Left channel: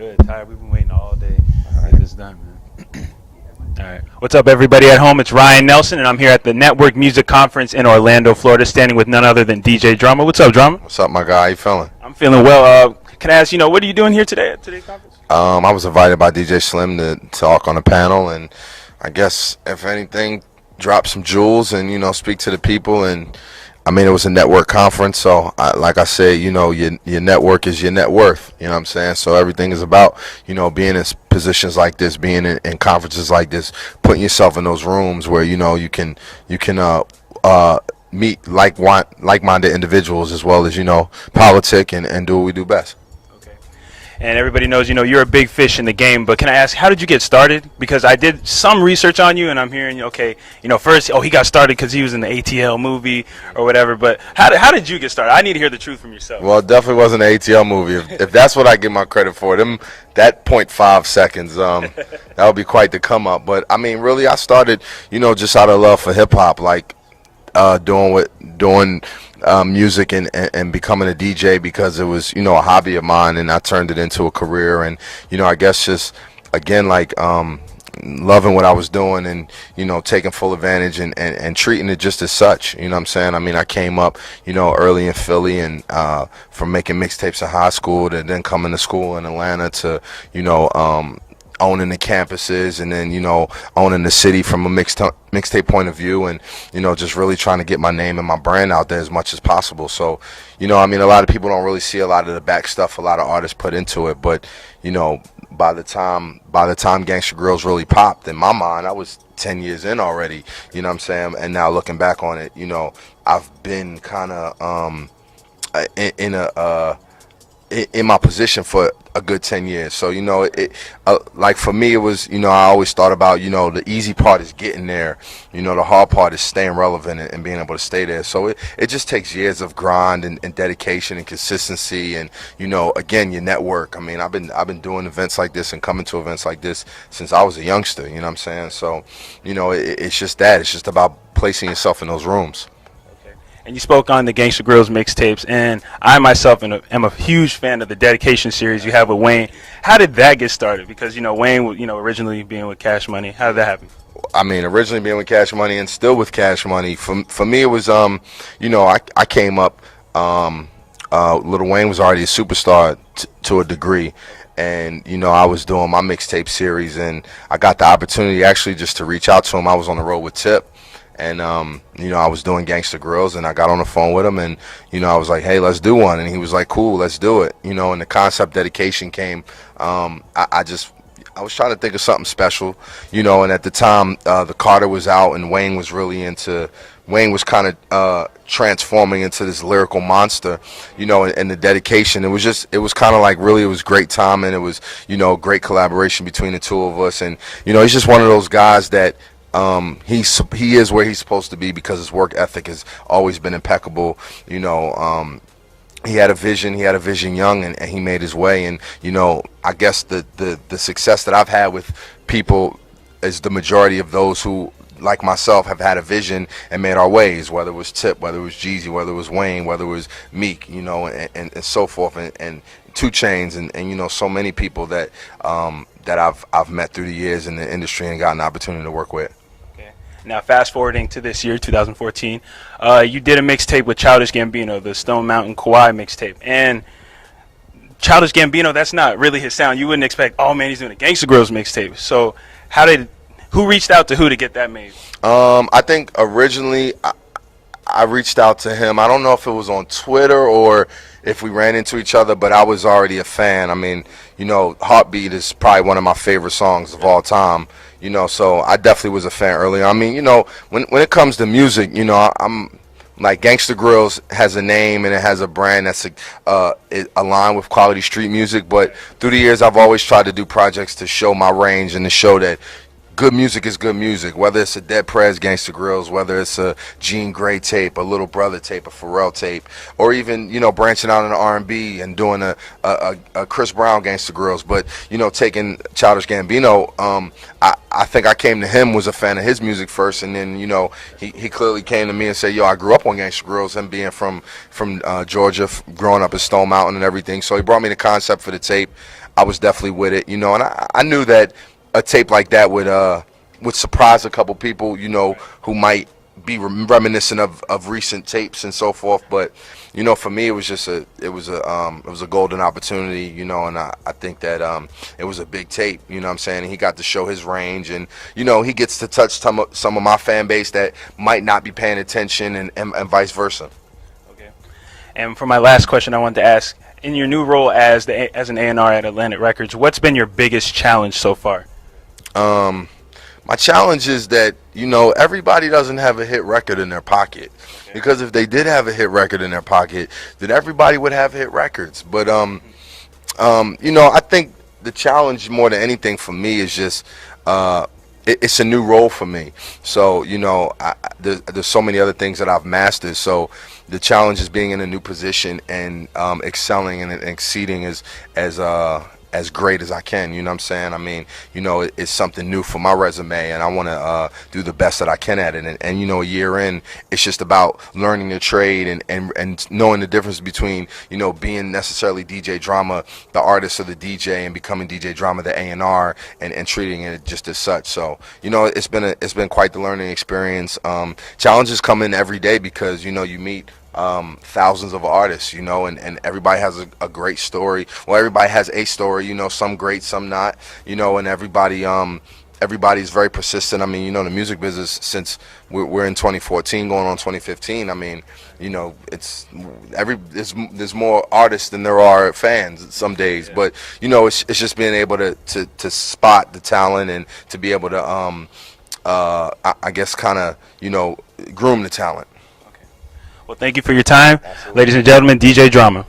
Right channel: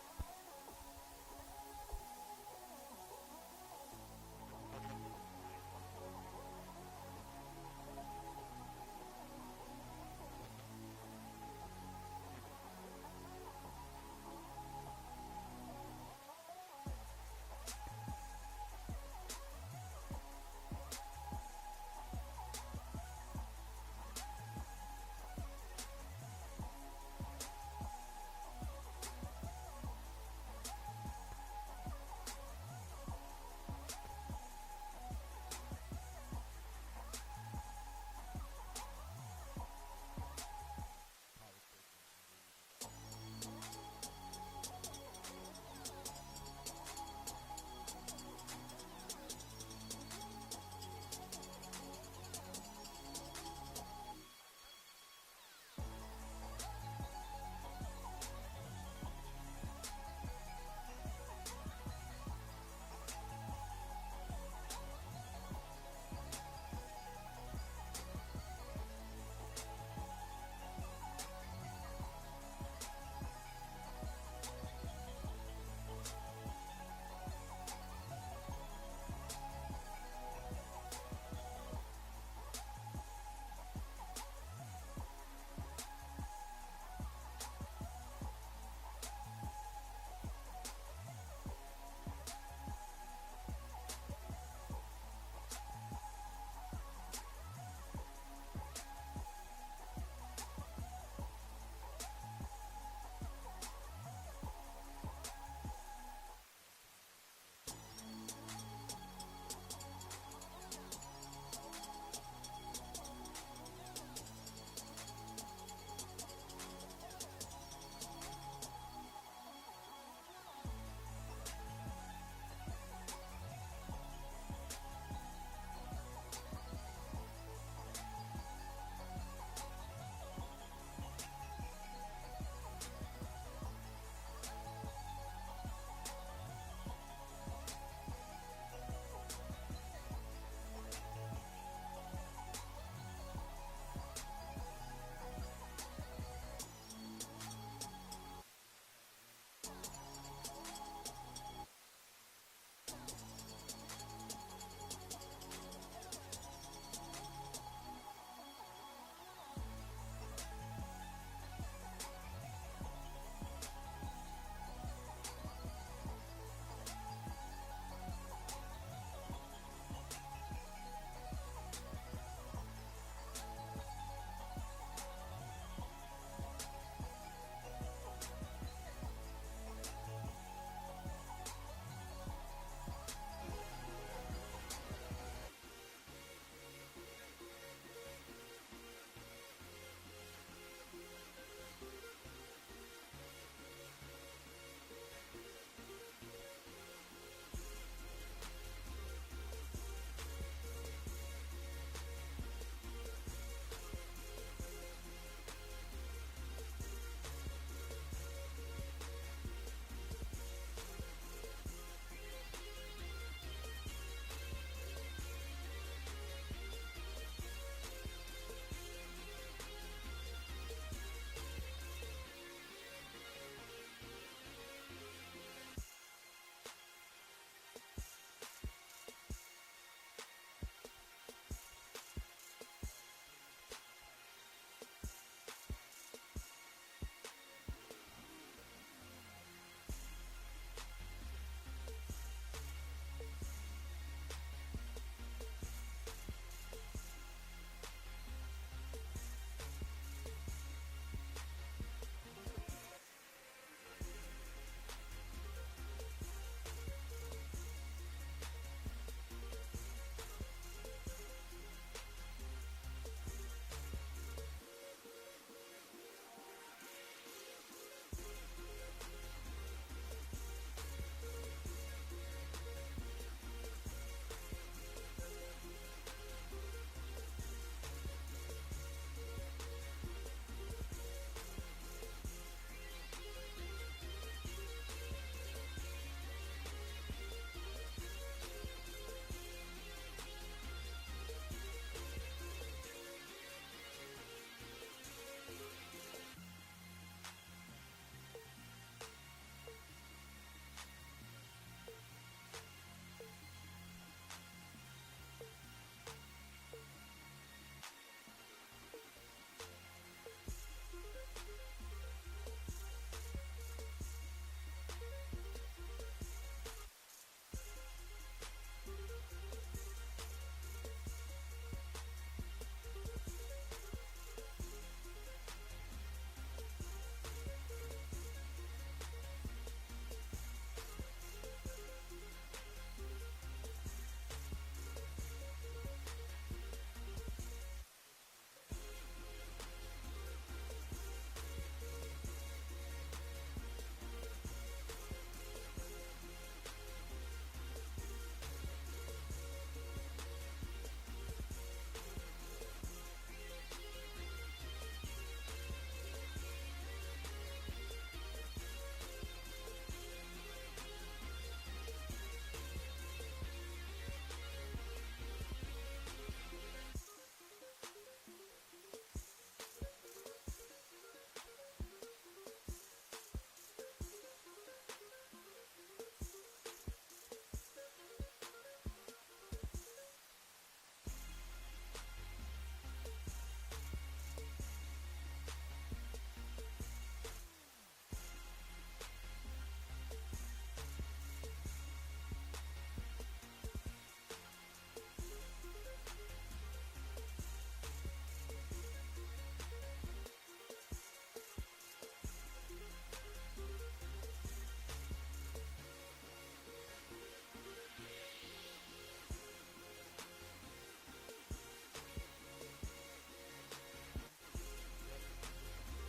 Good, Ty. We've been waiting all day to get this done, man. All right. What's up, everybody at home? It's Ryan Nelson, and I'm here at the Network Music Conference in Orlando, Florida, standing with none other than DJ Drama. What's up, Drama? What's up, my guy? How you feeling? I'm feeling well. Can I ask, what are you doing here today at today's conference? I was invited by DJ Slim to talk on a panel, and I guess if anything, drop some jewels and speak to the people. And I mean, it was a network conference, so like I said, your network is your net worth. You know what I'm saying? So everything is about being in positions like this, being in conferences like this, putting yourself in those rooms where you can meet like-minded individuals as well as politic and do what we do best. And everybody knows, you're a big fish in the game, but can I ask, how did you get started? Because I did some research on you, and I'm hearing, first, he got started because he was in the ATL movie or whatever, but how did you get started? I need to hear the truth from yourself. Well, it definitely wasn't an ATL movie. If that's what I give my credit for, that 0.5 seconds, that would be quite the come up. But, I mean, really, I started, just out of love for hip-hop, like doing music and becoming a DJ because it was a hobby of mine, and I turned it into a career. And I guess just again loving what I was doing and taking full advantage and treating it just as such. You know what I'm saying? I mean, I came up early in Philly, and from making mixtapes in high school to then coming to school in Atlanta to owning the campuses, and then owning the city from a mixtape point of view, and just really trying to get my name and my brand out there as much as possible. So I mean, a lot of people don't really see a lot of the back stuff a lot of artists put into it, but by the time Gangsta Grills really popped, in my mind, I was 10 years in already. You know what I'm saying? And now looking back on it, I've been kind of in my position for a good 10 years. So like for me, it was I always thought about the easy part is getting there, the hard part is staying relevant and being able to stay there. So it just takes years of grind and dedication and consistency, and again, your network. I mean, I've been doing events like this and coming to events like this since I was a youngster. You know what I'm saying? So it's just that, it's just about placing yourself in those rooms. And you spoke on the Gangsta Grills mixtapes, and I myself am a huge fan of the Dedication series you have with Wayne. How did that get started? Because Wayne, originally being with Cash Money, how did that happen? I mean, originally being with Cash Money and still with Cash Money. For me, it was I came up. Lil Wayne was already a superstar to a degree. And, I was doing my mixtape series, and I got the opportunity actually just to reach out to him. I was on the road with Tip. And, I was doing Gangsta Grills, and I got on the phone with him, and, I was like, hey, let's do one. And he was like, cool, let's do it. And the concept Dedication came. I was trying to think of something special, and at the time, the Carter was out, and Wayne was kind of transforming into this lyrical monster, and the Dedication. It was kind of like, really, it was great time, and it was, great collaboration between the two of us. And, he's just one of those guys that, he is where he's supposed to be because his work ethic has always been impeccable. He had a vision young, and he made his way. And I guess the success that I've had with people is the majority of those who, like myself, have had a vision and made our ways, whether it was Tip, whether it was Jeezy, whether it was Wayne, whether it was Meek, and so forth, and 2 Chainz, and so many people that I've met through the years in the industry and gotten the opportunity to work with. Now, fast forwarding to this year, 2014, you did a mixtape with Childish Gambino, the Stone Mountain Kawhi mixtape. And Childish Gambino, that's not really his sound. You wouldn't expect, oh man, he's doing a Gangsta Grills mixtape. So who reached out to who to get that made? I think originally I reached out to him. I don't know if it was on Twitter or if we ran into each other, but I was already a fan. I mean, Heartbeat is probably one of my favorite songs of all time. So I definitely was a fan earlier. I mean, when it comes to music, I'm like, Gangsta Grills has a name and it has a brand that's aligned with quality street music. But through the years, I've always tried to do projects to show my range and to show that good music is good music, whether it's a Dead Prez Gangsta Grills, whether it's a Jean Grae tape, a Little Brother tape, a Pharrell tape, or even, branching out into R&B and doing a Chris Brown Gangsta Grills. But, taking Childish Gambino, I think I came to him, was a fan of his music first, and then, he clearly came to me and said, yo, I grew up on Gangsta Grills, him being from Georgia, growing up in Stone Mountain and everything. So he brought me the concept for the tape. I was definitely with it, you know, and I knew that a tape like that would surprise a couple people, you know, who might be reminiscent of recent tapes and so forth. But you know, for me, it was just it was a golden opportunity, you know, and I think that it was a big tape, you know what I'm saying? And he got to show his range, and you know, he gets to touch some of my fan base that might not be paying attention, and vice versa. Okay. And for my last question, I wanted to ask, in your new role as an A&R at Atlantic Records, what's been your biggest challenge so far? My challenge is that, you know, everybody doesn't have a hit record in their pocket. Because if they did have a hit record in their pocket, then everybody would have hit records. But you know, I think the challenge more than anything for me is just it's a new role for me. So you know, there's so many other things that I've mastered. So the challenge is being in a new position and excelling and exceeding as great as I can, you know what I'm saying? I mean, you know, it's something new for my resume, and I want to do the best that I can at it. And you know, a year in, it's just about learning the trade and knowing the difference between, you know, being necessarily DJ Drama, the artist or the DJ, and becoming DJ Drama, the A&R, and treating it just as such. So, you know, it's been quite the learning experience. Challenges come in every day because, you know, you meet thousands of artists, you know, and everybody has a great story. Well, everybody has a story, you know, some great, some not, you know, and everybody's very persistent. I mean, you know, the music business, since we're in 2014 going on 2015, I mean, you know, there's more artists than there are fans some days. Yeah. But you know, it's just being able to spot the talent and to be able to I guess kind of, you know, groom the talent. Well, thank you for your time. Absolutely. Ladies and gentlemen, DJ Drama.